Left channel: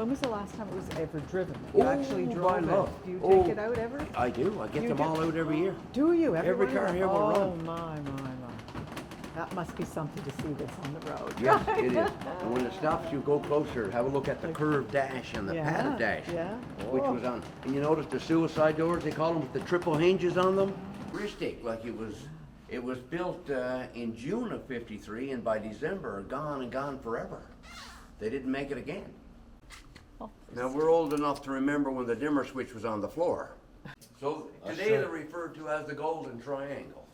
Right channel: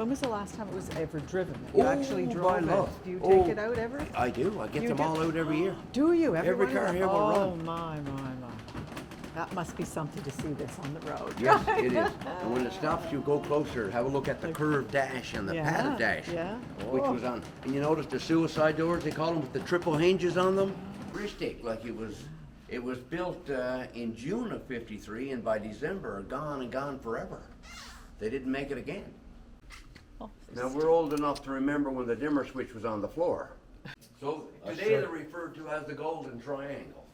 When was the last time it was ever driven? You actually drove it? love. Do you take it out ever? I do. I get You them do? all out every year. Do you? Every one? car here will oh, run. my. That must be something to see this on the road. Yeah, it is. And when it stops, you go closer, have a look at the curved dash and the Yeah, padded dash, yeah. which was on. And you notice the suicide doors, they call them, with the triple hinges on them? Futuristic, like it was built in June of '53, and by December, gone and gone forever. They didn't make it again. Oh, Now, we're old enough to remember when the dimmer switch was on the floor. So today they're referred to as the golden triangle.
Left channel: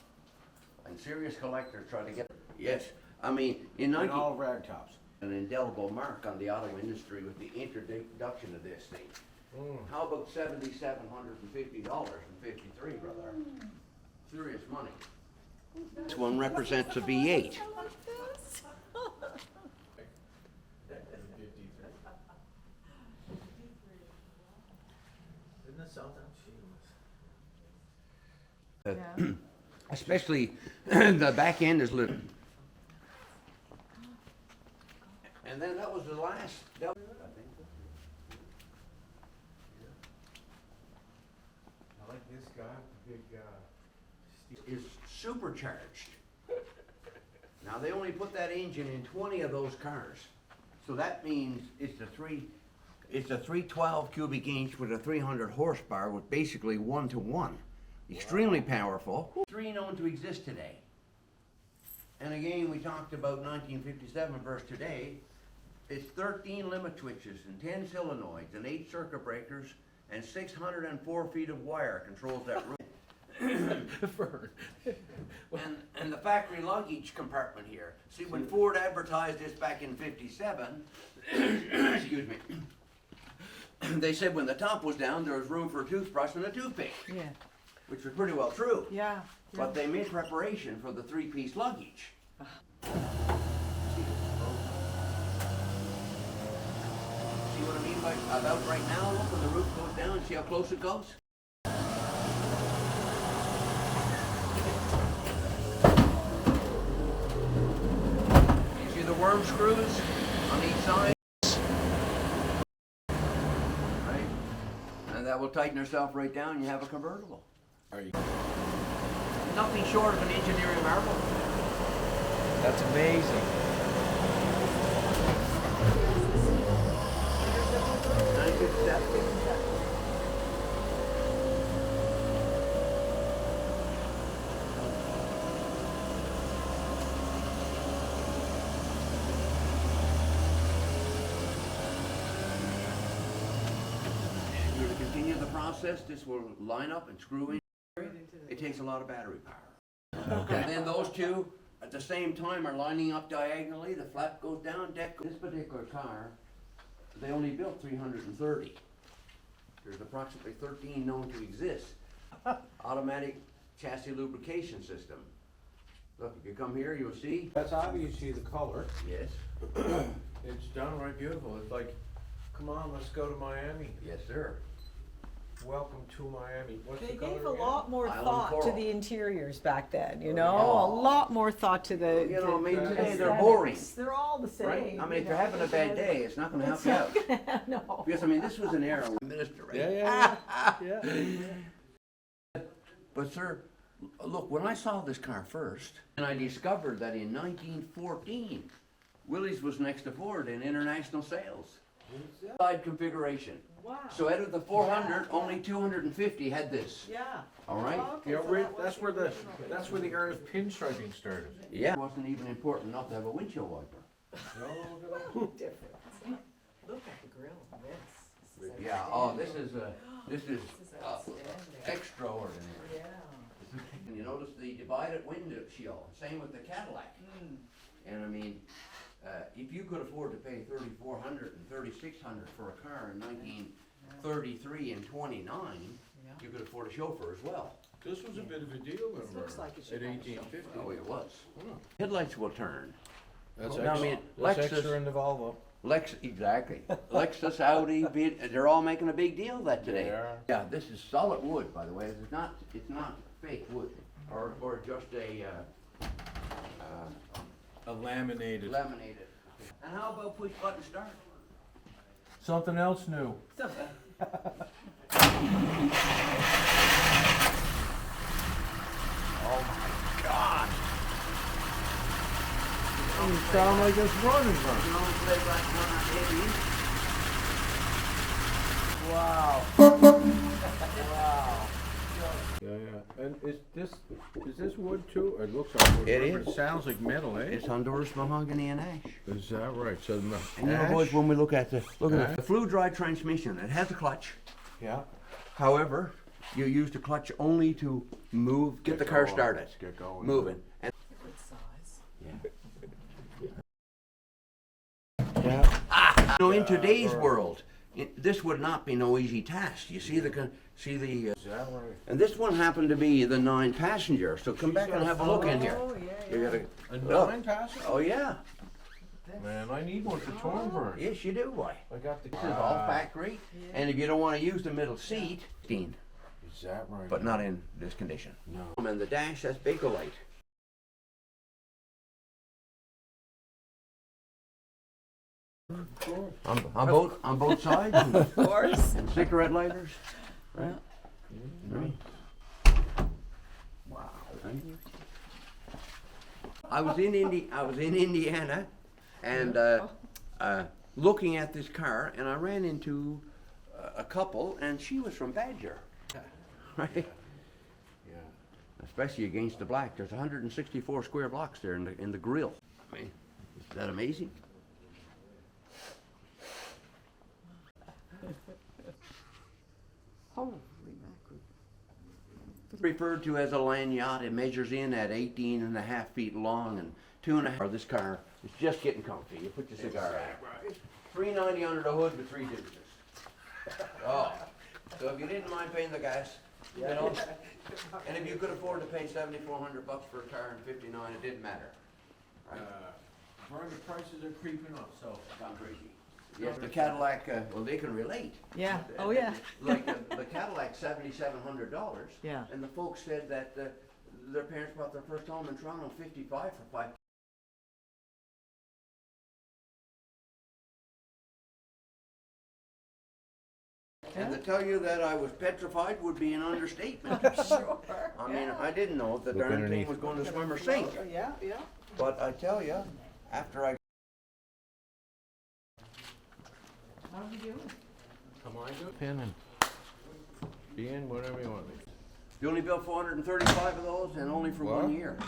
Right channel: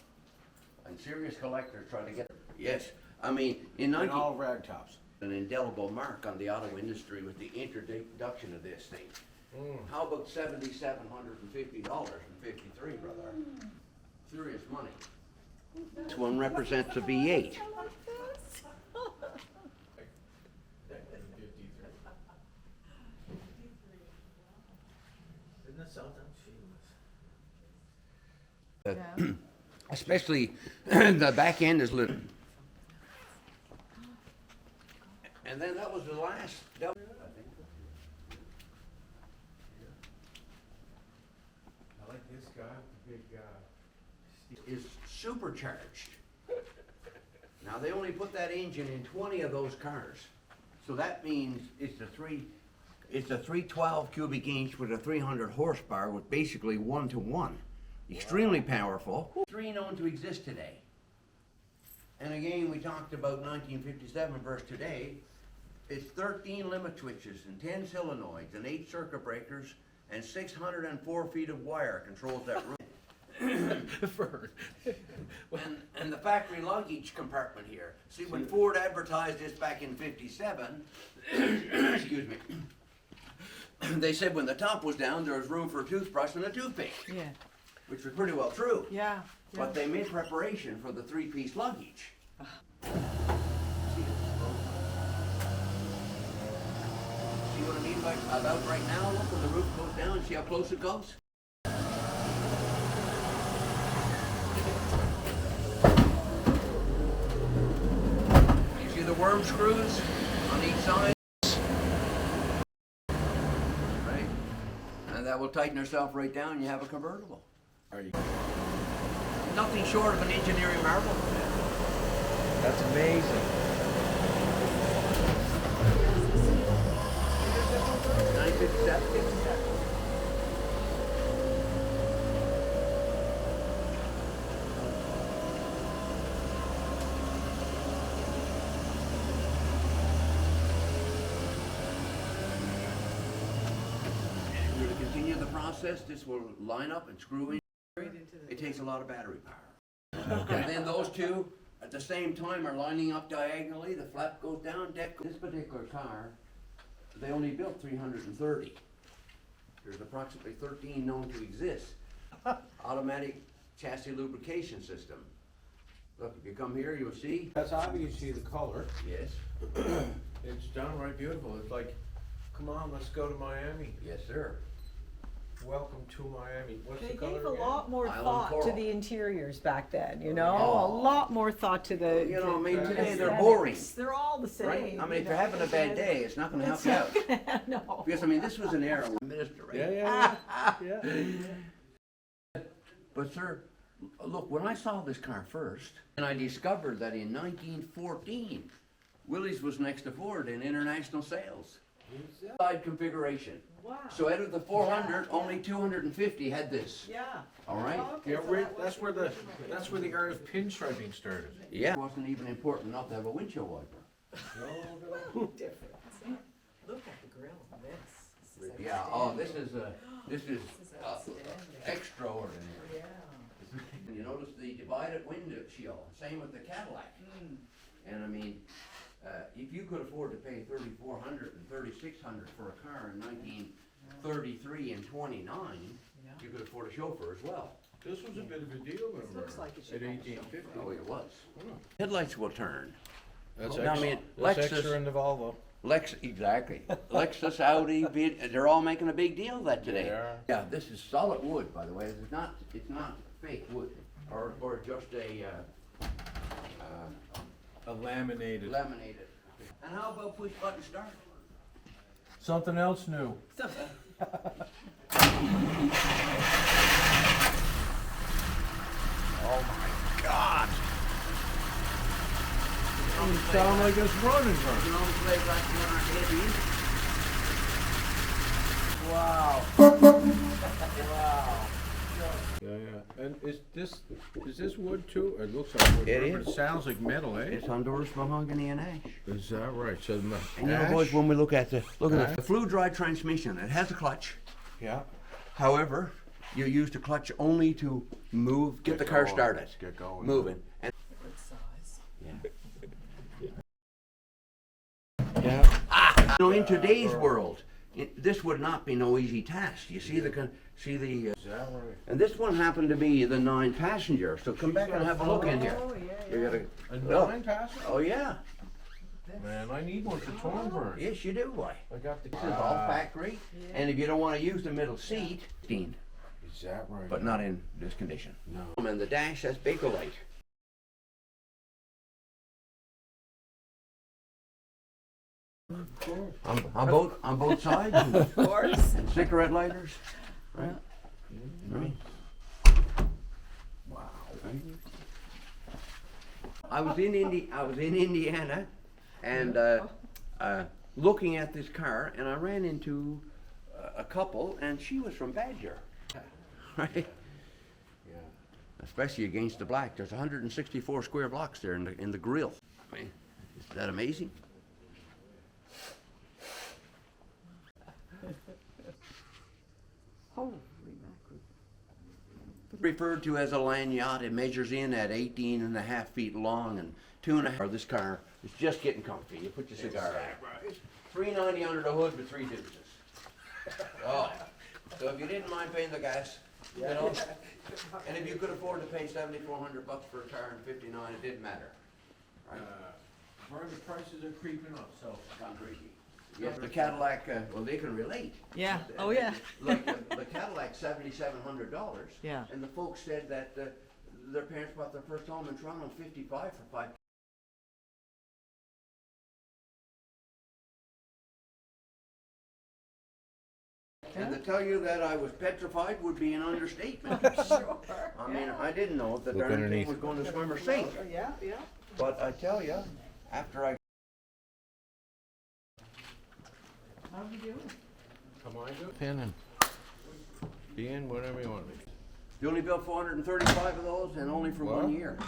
And serious collectors try to get, yes, I mean, in all rag tops. an indelible mark on the auto industry with the introduction of this thing. How about $7,750 in '53, brother? Serious money. This one represents a V8. Isn't that something? Especially the back end is lit. And then that was the last. I like this guy, big guy. is supercharged. Now they only put that engine in 20 of those cars, so that means it's a 312 cubic inch with a 300 horsepower with basically 1-to-1. Extremely powerful. 3 known to exist today. And again, we talked about 1957 versus today. It's 13 limit switches and 10 solenoids and 8 circuit breakers and 604 feet of wire controls that room. and the factory luggage compartment here. See, when Ford advertised this back in '57, excuse me, they said when the top was down, there was room for a toothbrush and a toothpick. Yeah. Which was pretty well true. Yeah. But they made preparation for the 3-piece luggage. See what I mean by about right now? Look, when the roof goes down, see how close it goes? You see the worm screws on each side? Right? And that will tighten herself right down and you have a convertible. Are you? Nothing short of an engineering miracle. That's amazing. And if we were to continue the process, this will line up and screw in. It takes a lot of battery power. Okay. And then those two, at the same time, are lining up diagonally. The flap goes down, deck. This particular car, they only built 330. There's approximately 13 known to exist. Automatic chassis lubrication system. Look, if you come here, you'll see. That's obviously the color. Yes. It's downright beautiful. It's like, come on, let's go to Miami. Yes, sir. Welcome to Miami. What's They the color gave a again? lot more Island thought to coral. the interiors back then, you know? Oh. A lot more thought to the. You know, I mean, to today they're aesthetics. boring. They're all the same. Right? I mean, if you you're know, having a bad day, it's not going to help It's you not out. gonna- no. Because, I mean, this was an era when minister, right? Yeah. But sir, look, when I saw this car first, and I discovered that in 1914, Willys was next to Ford in international sales. Side configuration. Wow. So out of the 400, only 250 had this. Yeah. All right? Yeah, that's where the era of pinstriping started. Yeah. It wasn't even important enough to have a windshield wiper. Different. Look at the grill on this. This is Yeah. Oh, this is extraordinary. Yeah. And you notice the divided window shield. Same with the Cadillac. And I mean, if you could afford to pay $3,400 and $3,600 for a car in 1933 and 29, you could afford a chauffeur as well. This was a bit of a deal, looks like it should in have a 1850. Oh, it was. Headlights will turn. That's Now, I extra. mean, That's Lexus- extra in the Volvo. Exactly. Lexus, Audi, they're all making a big deal of that today. They are. Yeah, this is solid wood, by the way. It's not fake wood or just a A laminated. laminated. And how about push button start? Something else new. Doesn't sound like it's running, Wow. Yeah, yeah. And is this wood too? It looks like wood. It It is. sounds like metal, eh? It's Honduras mahogany and ash. Is that right? So no. And you know, boys, ash? when we look at the Ash? fluid drive transmission, it has a clutch. Yeah. However, you use the clutch only to move, get the car going. started, Get going. moving. And Good size. Yeah. you know, in today's world, this would not be no easy task. You see the Is that right? and this one happened to be the 9-passenger. So come back and have a look in here. Oh, yeah, You yeah. gotta. A Oh, 9-passenger? oh yeah. Man, I need one for Thornburn. Yes, you do, boy. I got the This is all factory. Yeah. And if you don't want to use the middle seat, steamed, Is that right? but not in this condition. No. And the dash has Bakelite. On both sides. Of course. And cigarette lighters, right? Right. Wow. I was in Indiana, and looking at this car, and I ran into a couple, and she was from Badger, right? Yeah. Especially against the black. There's 164 square blocks there in the grill. I mean, is that amazing? Holy mackerel. Referred to as a land yacht, it measures in at 18 and a half feet long and 2.5. This car is just getting comfy. You put your cigar in it. $390 under the hood with 3 deuces. Oh, so if you didn't mind paying the gas, you know, and if you could afford to pay $7,400 for a car in '59, it didn't matter. Right? Vernon, the prices are creeping up, so. Yeah, the Cadillac, well, they can relate. Yeah, oh yeah. Like the Cadillac, $7,700. Yeah. And the folks said that their parents bought their first home in Toronto in '55 for $5. And to tell you that I was petrified would be an understatement. I mean, I didn't know if the Look darn thing underneath. was going to swim or sink. Yeah, yeah. But I tell you, after I How you doing? Come on, go. Pin and be in whatever you want. you only built 435 of those, and only for What? 1 year.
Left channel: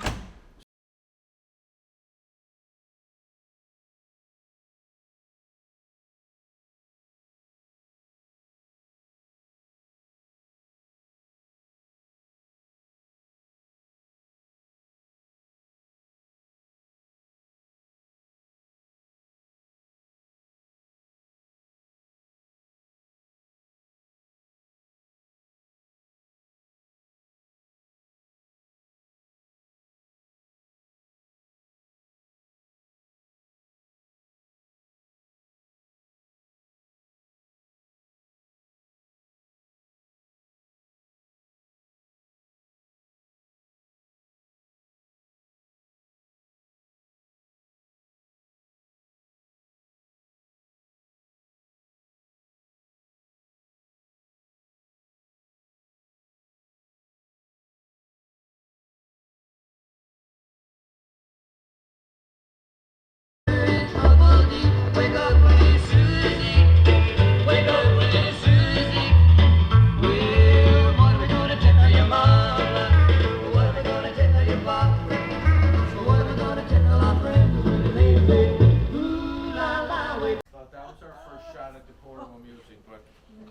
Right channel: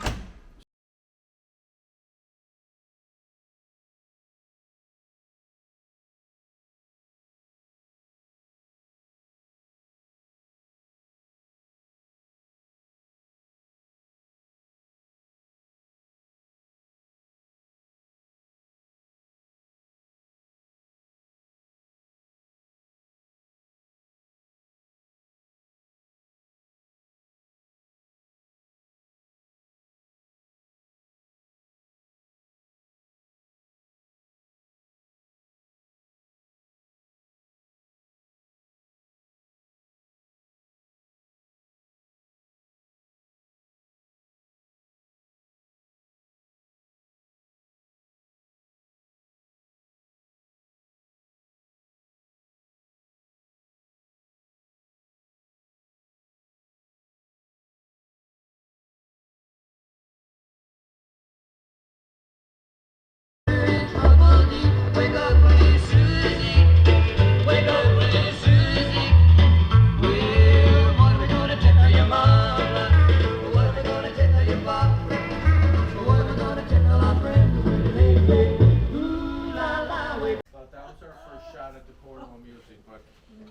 Thought that was our first shot at the portable music, but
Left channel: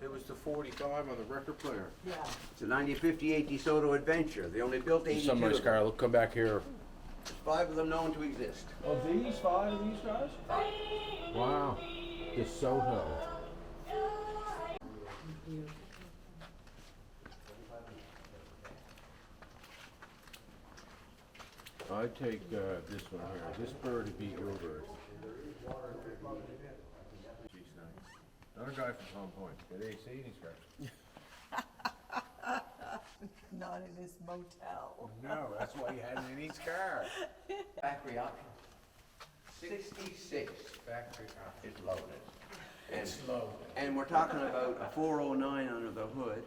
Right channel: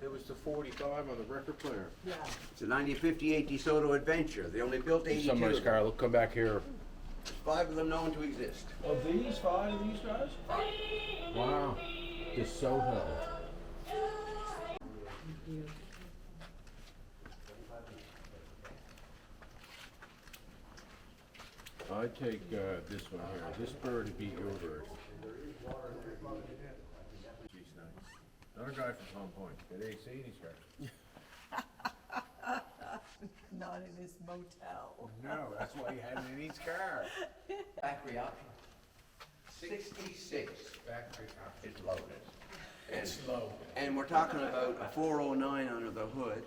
it was the 45 on the record player. Yeah. It's a 1958 DeSoto Adventure. They only built 82 Somebody's of them. car, look, come back here. 5 of them known to exist. Of these, 5 of these guys? Wow. DeSoto. I take this one here. This bird would be your bird. Another guy from Hong Point. Did they see these guys? Not in this motel. No, that's why he had it in his car. Factory option. 66. Factory. It's loaded. It's low. And we're talking about a 409 under the hood,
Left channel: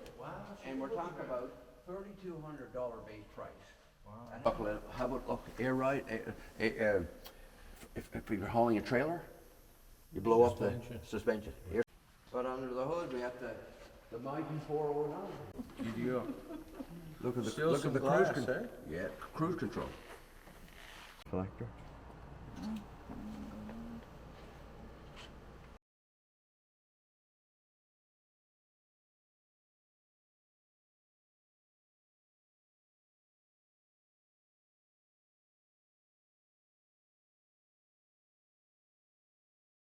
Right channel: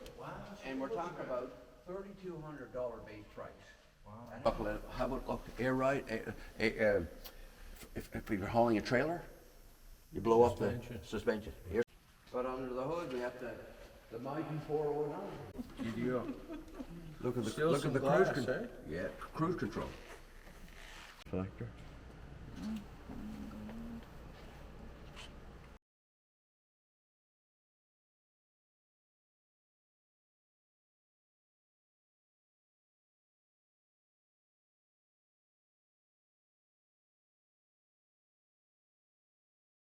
and we're talking about $3,200 base price. How about look, air ride? If you're hauling a trailer, you blow up the suspension. But under the hood, we got the mighty 409. You Look at the Still look some at the glass, cruise control. eh? Yeah, cruise control. Selector.